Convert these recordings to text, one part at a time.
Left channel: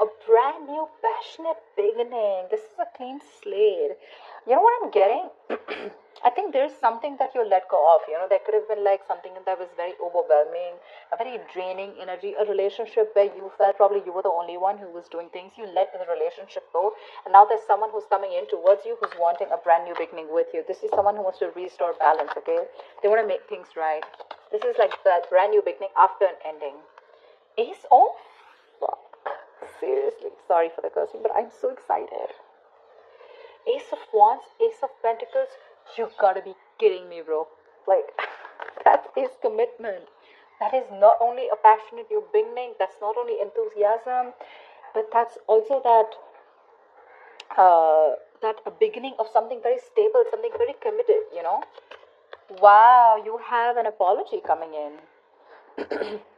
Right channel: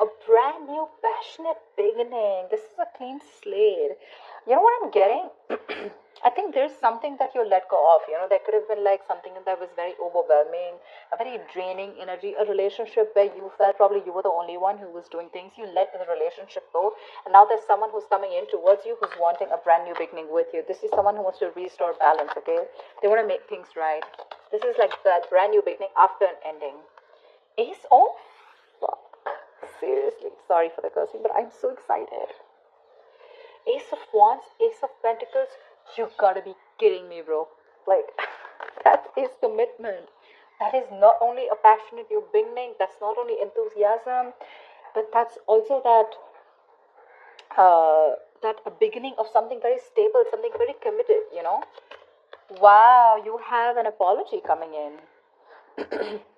A brand new passionate beginning. This is a clean slate. You know what I'm getting? I think there's something that you let go of. There could have been like something that was very overwhelming, a very draining energy, a relationship where you felt probably you were the only one who was doing things. You let the relationship go, and now there's someone who's coming in towards you who's wanting a brand new beginning with you. This is someone who wants to restore balance, okay? They want to make things right. This is like that brand new beginning after an ending. Ace of fuck. Seriously, sorry for the cursing, but I'm so excited. Ace of Wands, Ace of Pentacles. You gotta be kidding me, bro. Like, that is commitment. That is not only a passionate new beginning, that's not only enthusiasm, but that's also that a beginning of something very stable, something very committed. Wow, you have an apology coming in.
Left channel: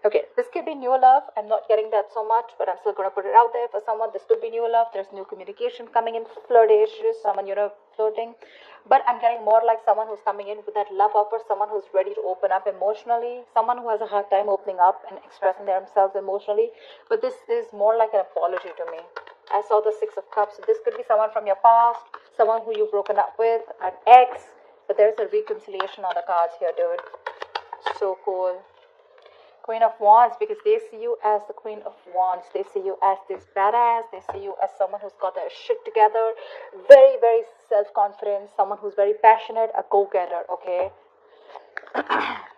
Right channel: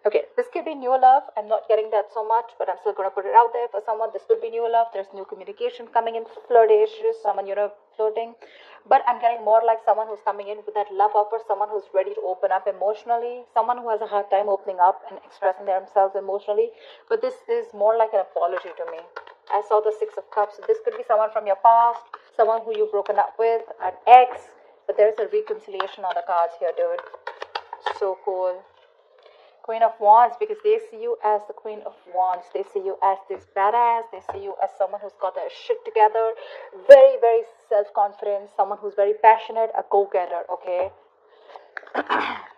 Okay, this could be new love. I'm not getting that so much, but I'm still going to put it out there for someone. This could be new love. There's new communication coming in, flirtatious, someone, flirting. But I'm getting more like someone who's coming in with that love offer, someone who's ready to open up emotionally, someone who has a hard time opening up and expressing themselves emotionally. But this is more like an apology to me. I saw the Six of Cups. So this could be someone from your past, someone who you've broken up with, an ex. But there's a reconciliation on the cards here, dude. So cool. Queen of Wands, because they see you as the Queen of Wands. They see you as this badass. They see you as someone who's got their shit together. Very, very self-confident. Someone who's very passionate, a go-getter, okay?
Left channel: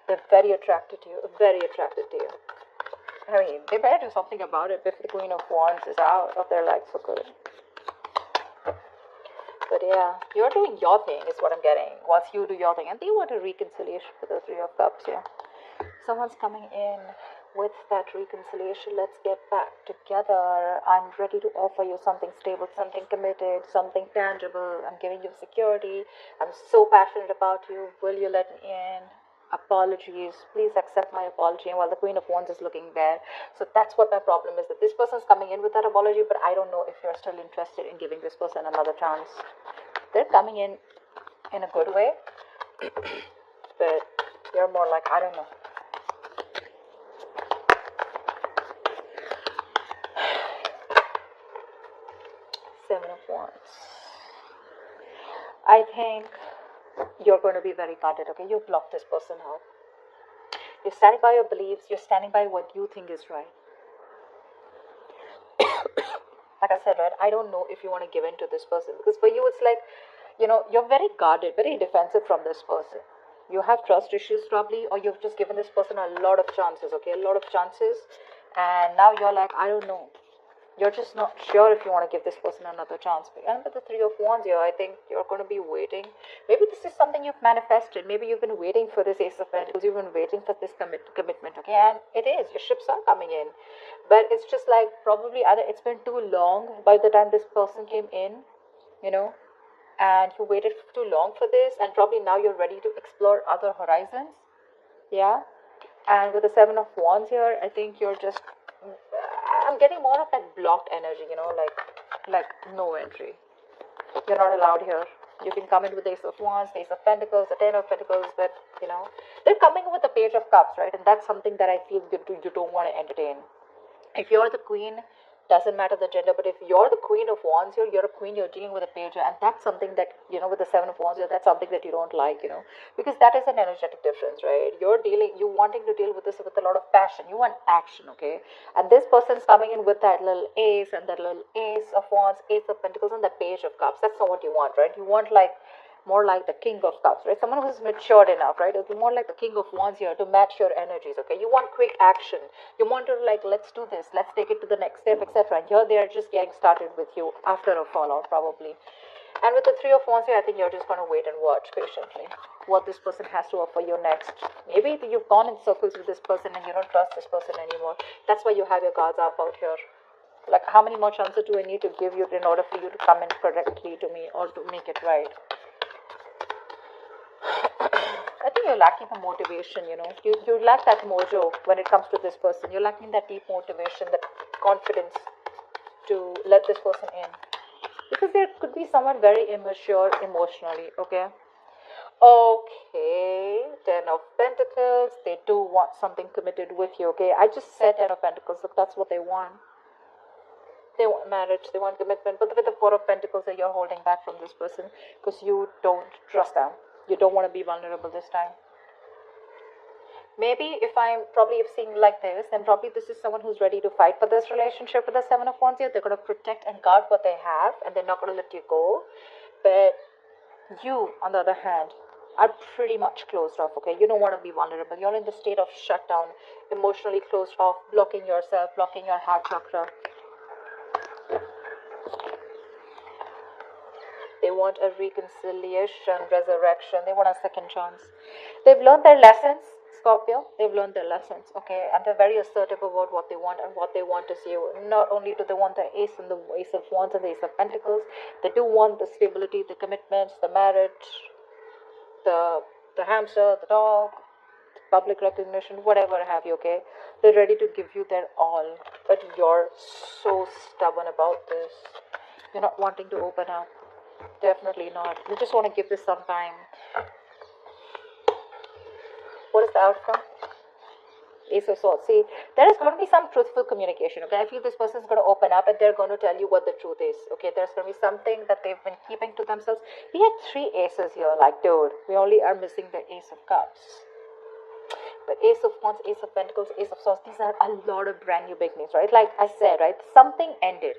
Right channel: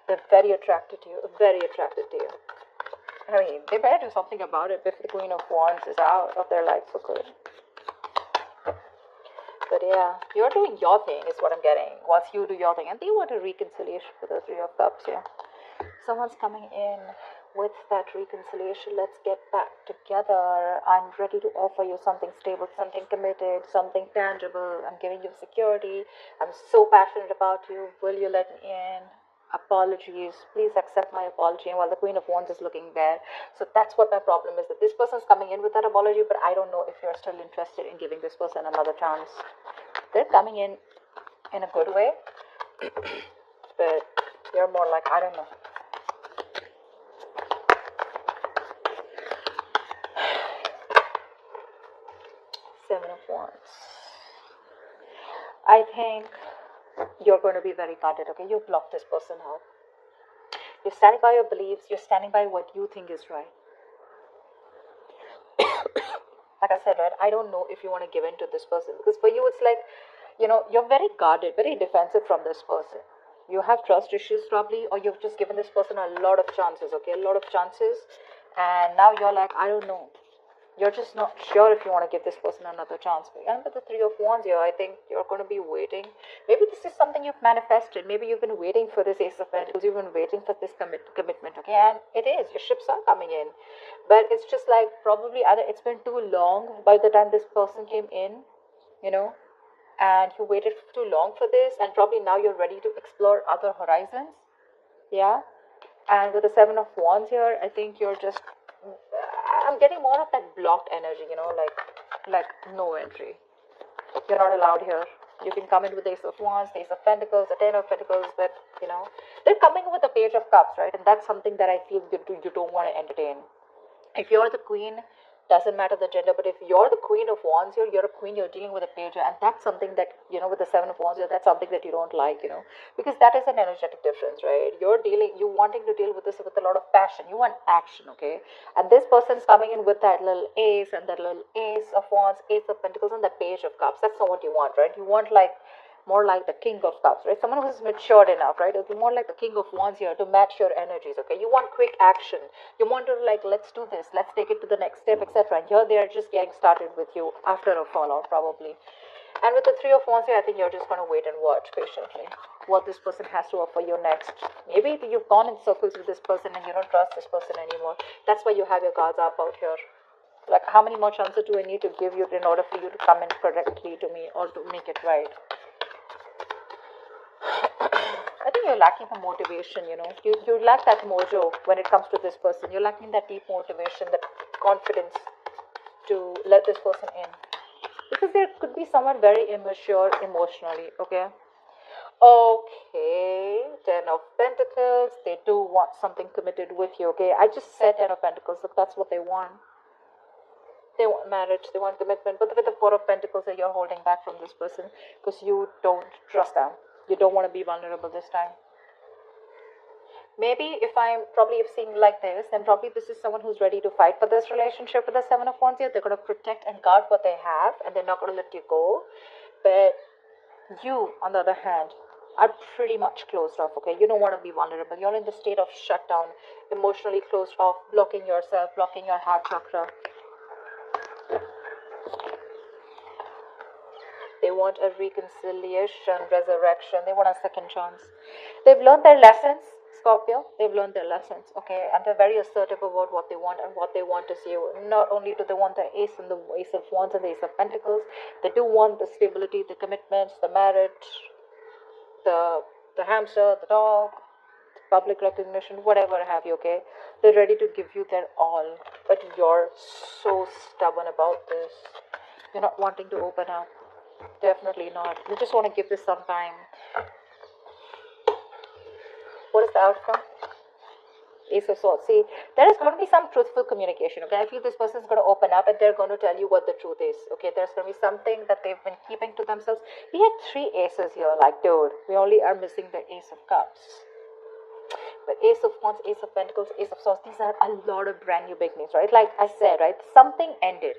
They're very attracted to you. Very attracted to you. I mean, they better do something about it if the Queen of Wands is out of their life for good. But yeah, you're doing your thing is what I'm getting. Once you do your thing. And they want a reconciliation for the Three of Cups, yeah. Someone's coming in with that reconciliation. Let's get back together. I'm ready to offer you something stable, something committed, something tangible. I'm giving you security. I'm so passionate about you. Will you let me in? Apologies. Please accept my apology. While the Queen of Wands is looking there. So that's what my problem is, that this person's coming in with that apology, but I don't know if you're still interested in giving this person another chance. They're coming in a good way, but you're more like, I don't know. Seven of Wands. I think you're going to be very guarded, okay? You've blocked this person out. You're standing by your beliefs. You're standing by what you think is right. Like I said, right, I don't know if you want to give in to this person, because for you it's like, you're very guarded, very defensive from this person. You have trust issues probably, or you've just given this person a lot of chances, okay? A lot of chances. And now you're like, I don't know. You're just not sure if you want to give this person another chance. And with the Three of Wands here, I think you're going to be waiting. Maybe this is something you've manifested. Maybe you've been waiting for this Ace of Pentacles. You've been waiting for this commitment, okay? And it is. Your ships are coming in. But it's just like probably either it's been too long by the time this person came in, and you waited too long for this, and probably now you're ready to explore other horizons. Yeah? And with the Seven of Wands here, I think you're just... I'm getting more of that blocked energy, like no entry. You're not allowed here. You can come in with the Ace of Wands, Ace of Pentacles, the Ten of Pentacles, but they're coming with the Page of Cups, right? And that's something that I feel you don't want to entertain. If you're the Queen, doesn't matter the gender, but if you're the Queen of Wands, you're a queen, you're dealing with a page, and that's something that, with the Seven of Wands, that's something that you don't like, because that is an energetic difference, right? You wanting to deal with this with a lot of passion. You want action, okay? And this person's coming in with that little Ace and that little Ace of Wands, Ace of Pentacles, and the Page of Cups. That's not what you want, right? You want more like the King of Cups, right? Someone who's matured enough, right? It'll be more like the King of Wands here to match your energies, okay? You want quick action. You want to let's do this, let's take it to the next step, etc. And here they are just getting started with you after a fallout, probably. And with the Three of Wands here, I think you're just going to wait and watch patiently what this person has to offer you next. Maybe you've gone in circles with this person and you don't trust this person anymore. That's why you have your cards out here. Like, how many more chances do I need to give you in order for you to come in correctly to me or to make it right? I think you're lacking the motivation, You lack that mojo when it comes to this person. You're lacking that deep motivation, that confidence to let this person in. Because there could be someone very immature emotionally, okay? Okay, Ten of Pentacles. They do want something committed with you, okay? I just said Ten of Pentacles, so that's what they want. They want marriage, they want commitment, but with the Four of Pentacles that you're holding back from this person because you don't trust them. You don't want to be vulnerable this time. Maybe if I'm probably seeing like this, then probably this is someone who's ready to fight for this relationship with the Seven of Wands here. They're going to protect and guard what they have, and they're not going to let you go. But you, on the other hand, are pretty much closed off, okay? You don't want to be vulnerable. You're in the state of shutdown, emotionally closed off, blocking yourself, blocking your heart chakra. They want a reconciliation, resurrection. They want a second chance. They've learned their lessons, Scorpio. They've learned their lessons, okay? And they're very assertive about what they want and what they want is you. Not only do they want the Ace and the Ace of Wands and the Ace of Pentacles, they do want the stability, the commitments, the marriage, the hamster, the dog, public recognition, whatever have you, okay? They're ready to give you their all, but you're so stubborn about this. You're not wanting to open up. Definitely not. You just want to give this some time. What is the outcome? Ace of Swords. See, there is going to be some truthful communication, okay? I feel this person is going to open up and they're going to tell you what the truth is, okay? There's going to be something that they've been keeping to themselves. We have 3 aces here, like, dude, we only are missing the Ace of Cups. The Ace of Wands, Ace of Pentacles, Ace of Swords. These are a lot of brand new beginnings, right? Like I said, right? Something ended.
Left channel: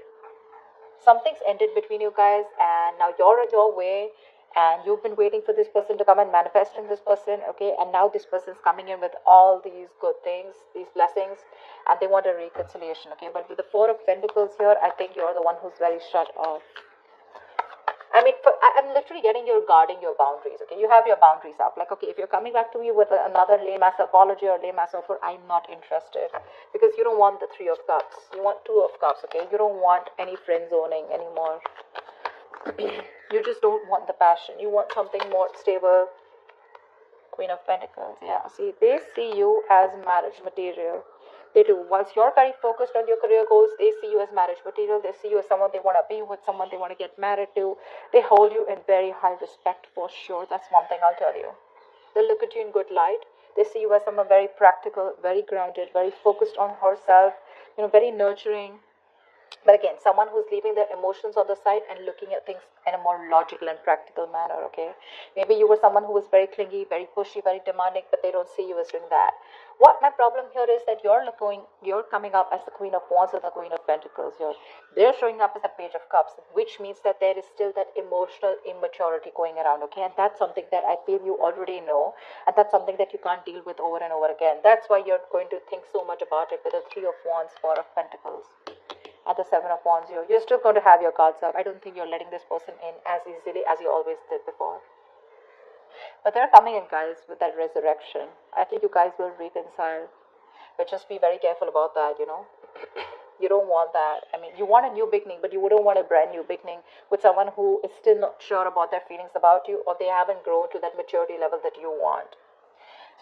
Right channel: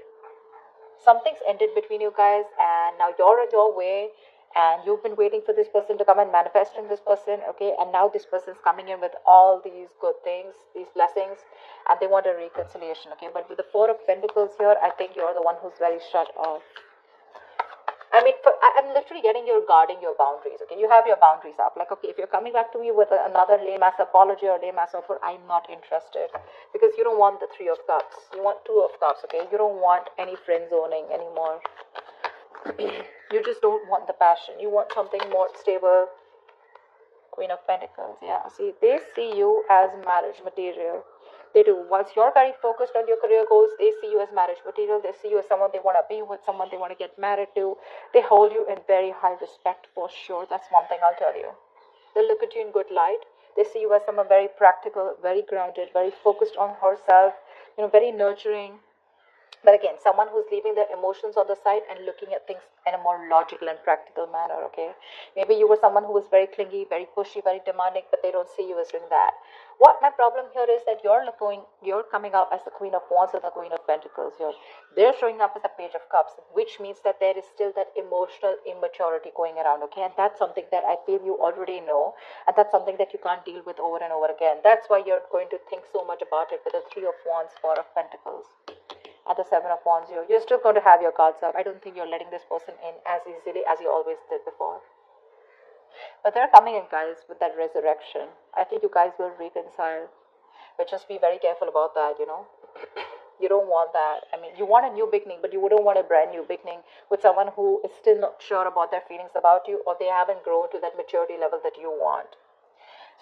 Something's ended between you guys, and now you're on your way. And you've been waiting for this person to come and manifesting this person, okay? And now this person's coming in with all these good things, these blessings, and they want a reconciliation, okay? But with the Four of Pentacles here, I think you're the one who's very shut off. I mean, I'm literally getting you guarding your boundaries, okay? You have your boundaries up. Like, okay, if you're coming back to me with another lame-ass apology or lame-ass offer, I'm not interested. Because you don't want the Three of Cups. You want Two of Cups, okay? You don't want any friend zoning anymore. You just don't want the passion. You want something more stable. Queen of Pentacles. Yeah, see, they see you as marriage material. They do. Once you're very focused on your career goals, they see you as marriage material. They see you as someone they want to be with, someone they want to get married to. They hold you in very high respect for sure. That's one thing I'll tell you. They look at you in good light. They see you as someone very practical, very grounded, very focused on herself, very nurturing. But again, someone who's leaving their emotions on the side and looking at things in a more logical and practical manner, okay? Maybe you were someone who was very clingy, very pushy, very demanding, but they don't see you as doing that. What my problem here is that you're coming up as the Queen of Wands and the Queen of Pentacles. They're showing up as a Page of Cups, which means that there is still that emotional immaturity going around, okay? And that's something that I feel you already know, and that's something that you can't deal with over and over again. That's why you're going to think so much about it with the Three of Wands, Four of Pentacles. At the Seven of Wands here, you're still going to have your guards up. I don't think you're letting this person in as easily as you always did before. But they're coming in, guys, with that resurrection. I think you guys will reconcile. But just be very careful about that, You don't want that. I mean, you want a new beginning, but you wouldn't want a brand new beginning with someone who is still not sure about their feelings about you, or they haven't grown to that maturity level that you want.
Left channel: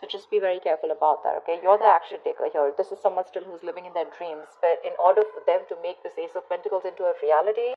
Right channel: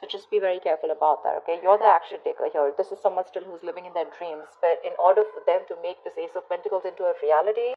So just be very careful about that, okay? You're the action taker here. This is someone still who's living in their dreams. But in order for them to make this Ace of Pentacles into a reality,